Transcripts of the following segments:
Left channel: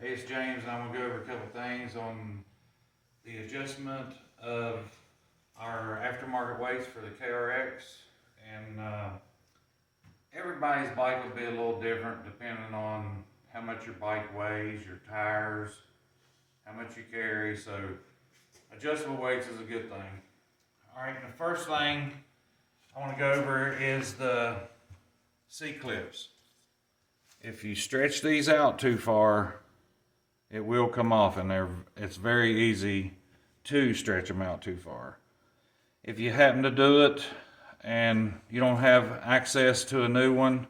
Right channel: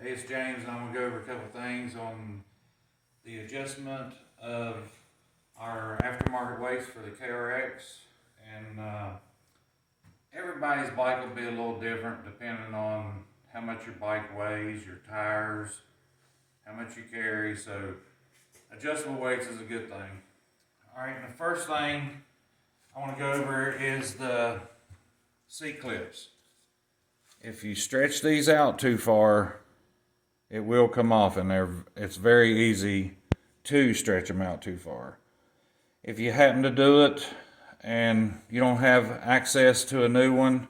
Hey, it's James, and I'm going to go over a couple things on the adjustment of our aftermarket weights for the KRX. And everybody's bike will be a little different depending on how much your bike weighs, your tires, how much you carry. So adjustable weights is a good thing. Alright, and the first thing I want to go over is the C-clips. If you stretch these out too far, it will come off, and it's very easy to stretch them out too far. If you happen to do it and you don't have access to a new one,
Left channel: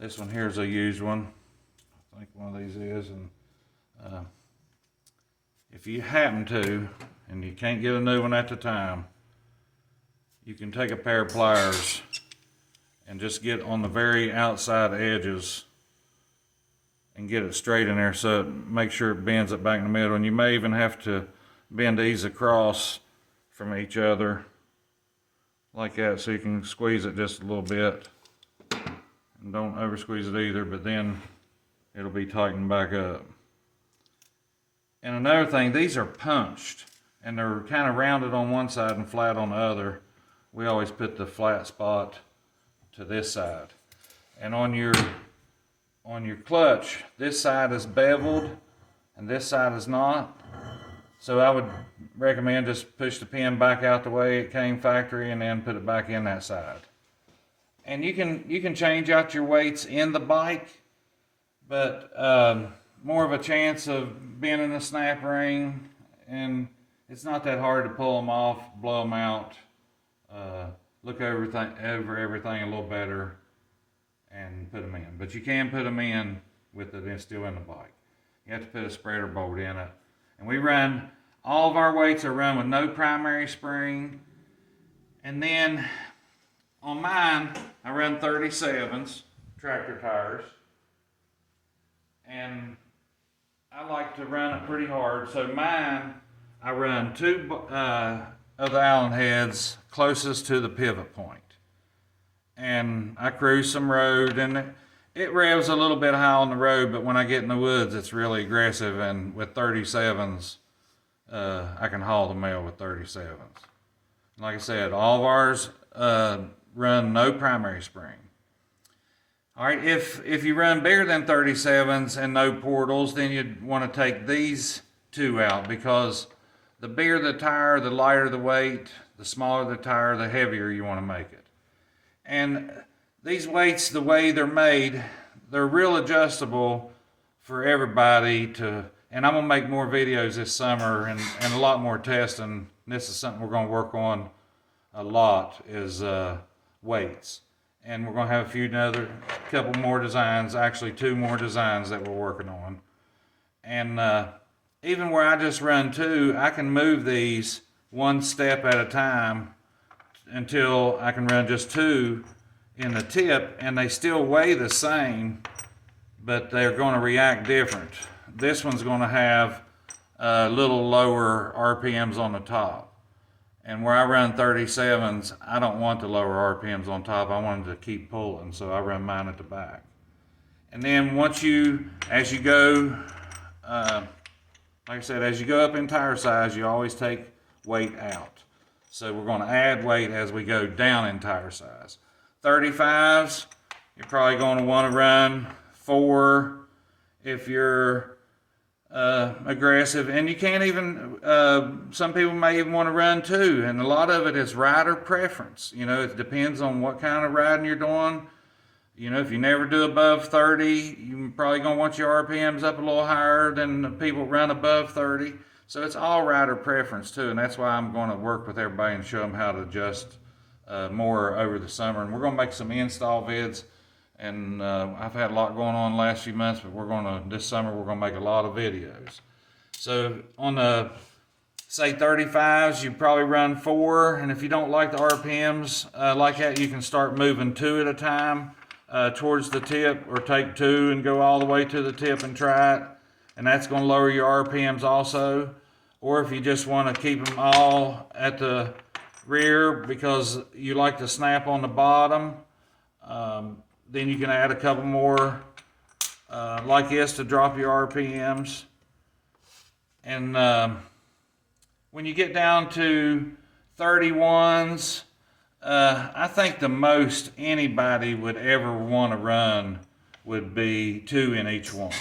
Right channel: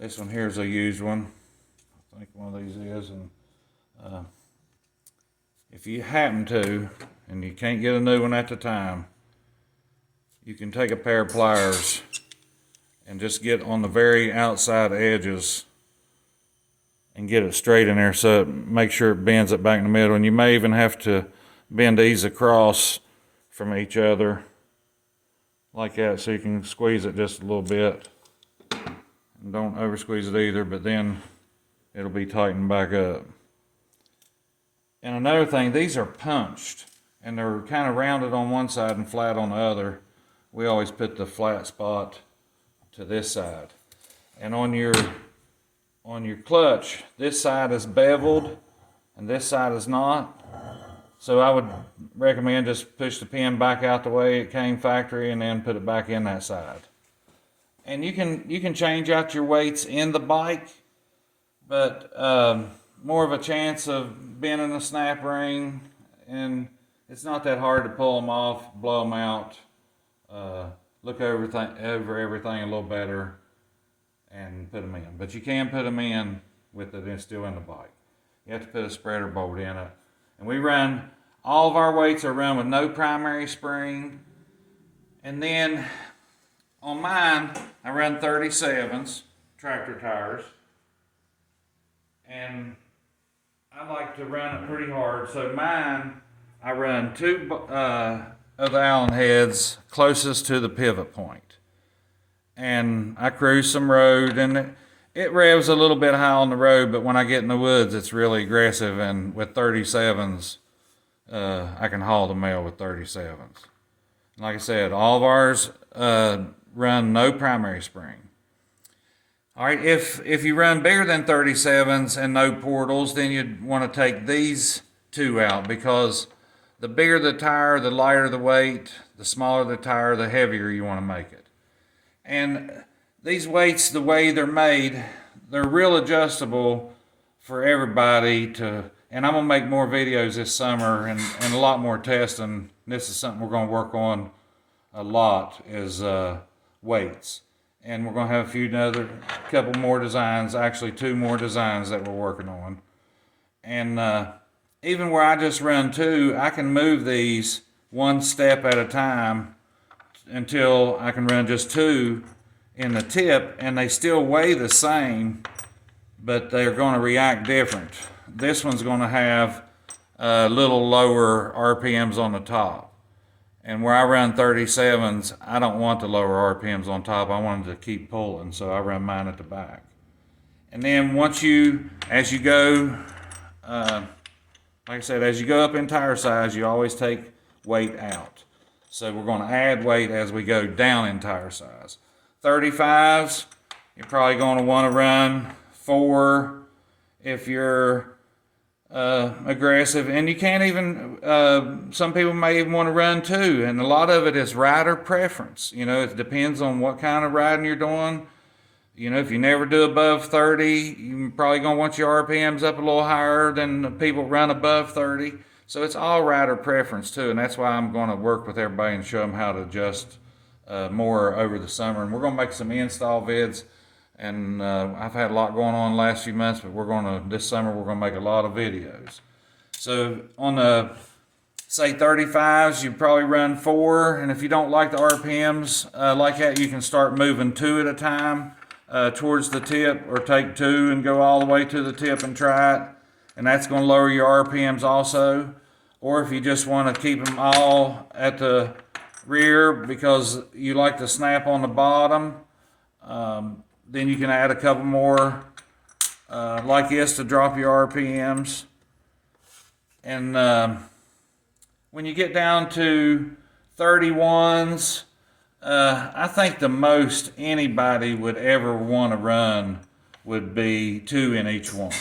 this one here is a used one. I think one of these is. And if you happen to, and you can't get a new one at the time, you can take a pair of pliers and just get on the very outside edges and get it straight in there, so make sure it bends it back in the middle. And you may even have to bend these across from each other like that, so you can squeeze it just a little bit. And don't over squeeze it either, but then it'll be tightened back up. And another thing, these are punched and they're kind of rounded on one side and flat on the other. We always put the flat spot to this side. And on your clutch, this side is beveled and this side is not. So I would recommend just push the pin back out the way it came factory and then put it back in that side. And you can change out your weights in the bike, but more of a chance of bending the snap ring, and it's not that hard to pull them off, blow them out, look over everything a little better, and put them in. But you can put them in with it still in the bike. You have to put a spreader bolt in it. And we run, all of our weights are run with no primary spring. And then on mine, I run 37s, tractor tires. And I like to run it pretty hard. So mine, I run two of the Allen heads closest to the pivot point. And I cruise some road, and it revs a little bit high on the road, but when I get in the woods, it's really aggressive. And with 37s, I can haul the mail with 37s. Like I said, all of ours run no primary spring. All right, if you run bigger than 37s and no portals, then you'd want to take these two out, because the bigger the tire, the lighter the weight, the smaller the tire, the heavier you want to make it. And these weights, the way they're made, they're real adjustable for everybody to, and I'm going to make more videos this summer and a lot more testing. This is something we're going to work on a lot, is weights. And we're going to have a couple more designs, actually 2 more designs that we're working on. And even where I just run 2, I can move these one step at a time until I can run just 2 in the tip, and they still weigh the same, but they're going to react different. This one's going to have a little lower RPMs on the top. And where I run 37s, I don't want the lower RPMs on top. I want them to keep pulling, so I run mine at the back. And then as you go, like I said, as you go up in tire size, you always take weight out. So we're going to add weight as we go down in tire size. 35s, you're probably going to want to run 4 if you're aggressive. And you can't even, some people may even want to run 2. And a lot of it is rider preference. You know, it depends on what kind of riding you're doing. You know, if you never do above 30, you're probably going to want your RPMs up a little higher than the people run above 30. So it's all rider preference too, and that's why I'm going to work with everybody and show them how to adjust more over the summer. And we're going to make some install vids, and I've had a lot going on the last few months, but this summer we're going to make a lot of videos. So on the, say 35s, you probably run 4, and if you don't like the RPMs like that, you can start moving 2 at a time towards the tip, or take 2 and go all the way to the tip and try it. And that's going to lower your RPMs also. Or if you just want to keep them all at the rear because you like to snap on the bottom, then you can add a couple more like this to drop your RPMs. And when you get down to 31s, I think the most anybody would ever want to run would be 2 in each one.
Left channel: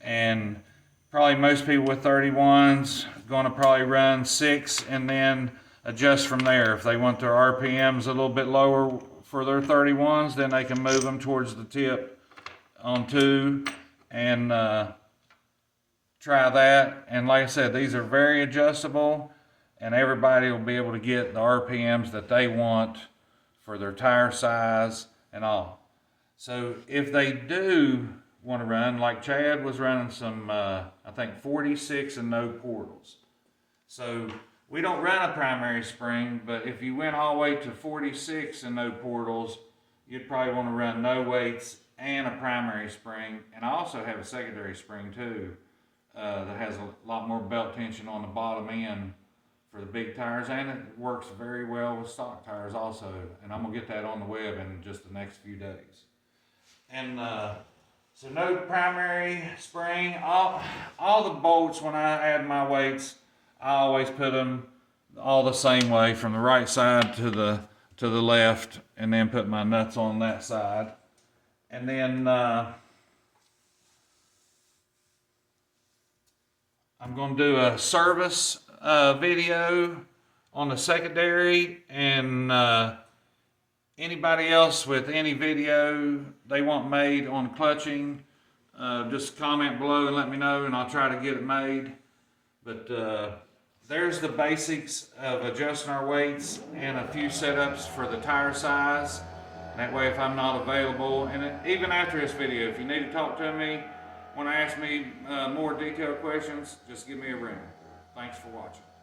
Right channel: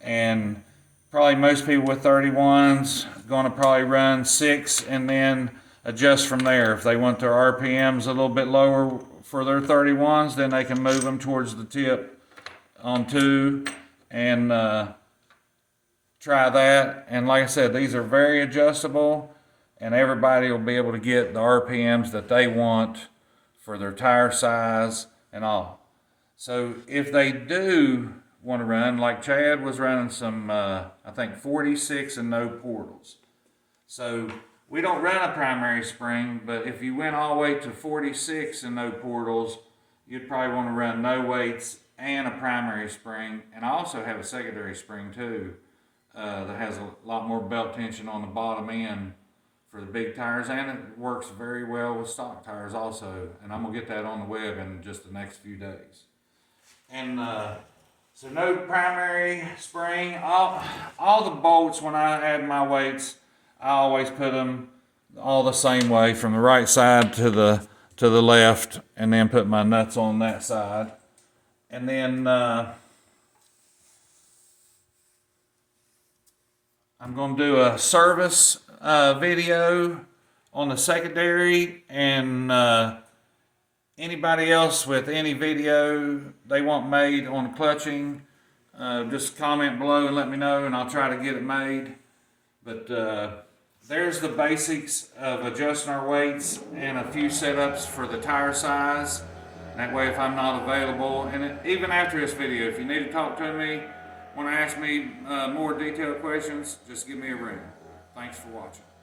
And probably most people with 31s going to probably run 6 and then adjust from there. If they want their RPMs a little bit lower for their 31s, then they can move them towards the tip on 2 and try that. And like I said, these are very adjustable, and everybody will be able to get the RPMs that they want for their tire size and all. So if they do want to run, like Chad was running some, I think 46 and no portals. So we don't run a primary spring, but if you went all the way to 46 and no portals, you'd probably want to run no weights and a primary spring. And I also have a secondary spring too, that has a lot more belt tension on the bottom end for the big tires, and it works very well with stock tires also. And I'm gonna get that on the web in just the next few days. And so no primary spring. All the bolts, when I add my weights, I always put them all the same way, from the right side to the left, and then put my nuts on that side. And then I'm going to do a service video on the secondary, and anybody else with any video they want made on clutching, just comment below and let me know, and I'll try to get it made. But there's the basics of adjusting our weights and a few setups for the tire size. That way, if I'm not available, and even after this video, if you need to talk to me, want to ask me more detailed questions, just give me a ring. Thanks for watching.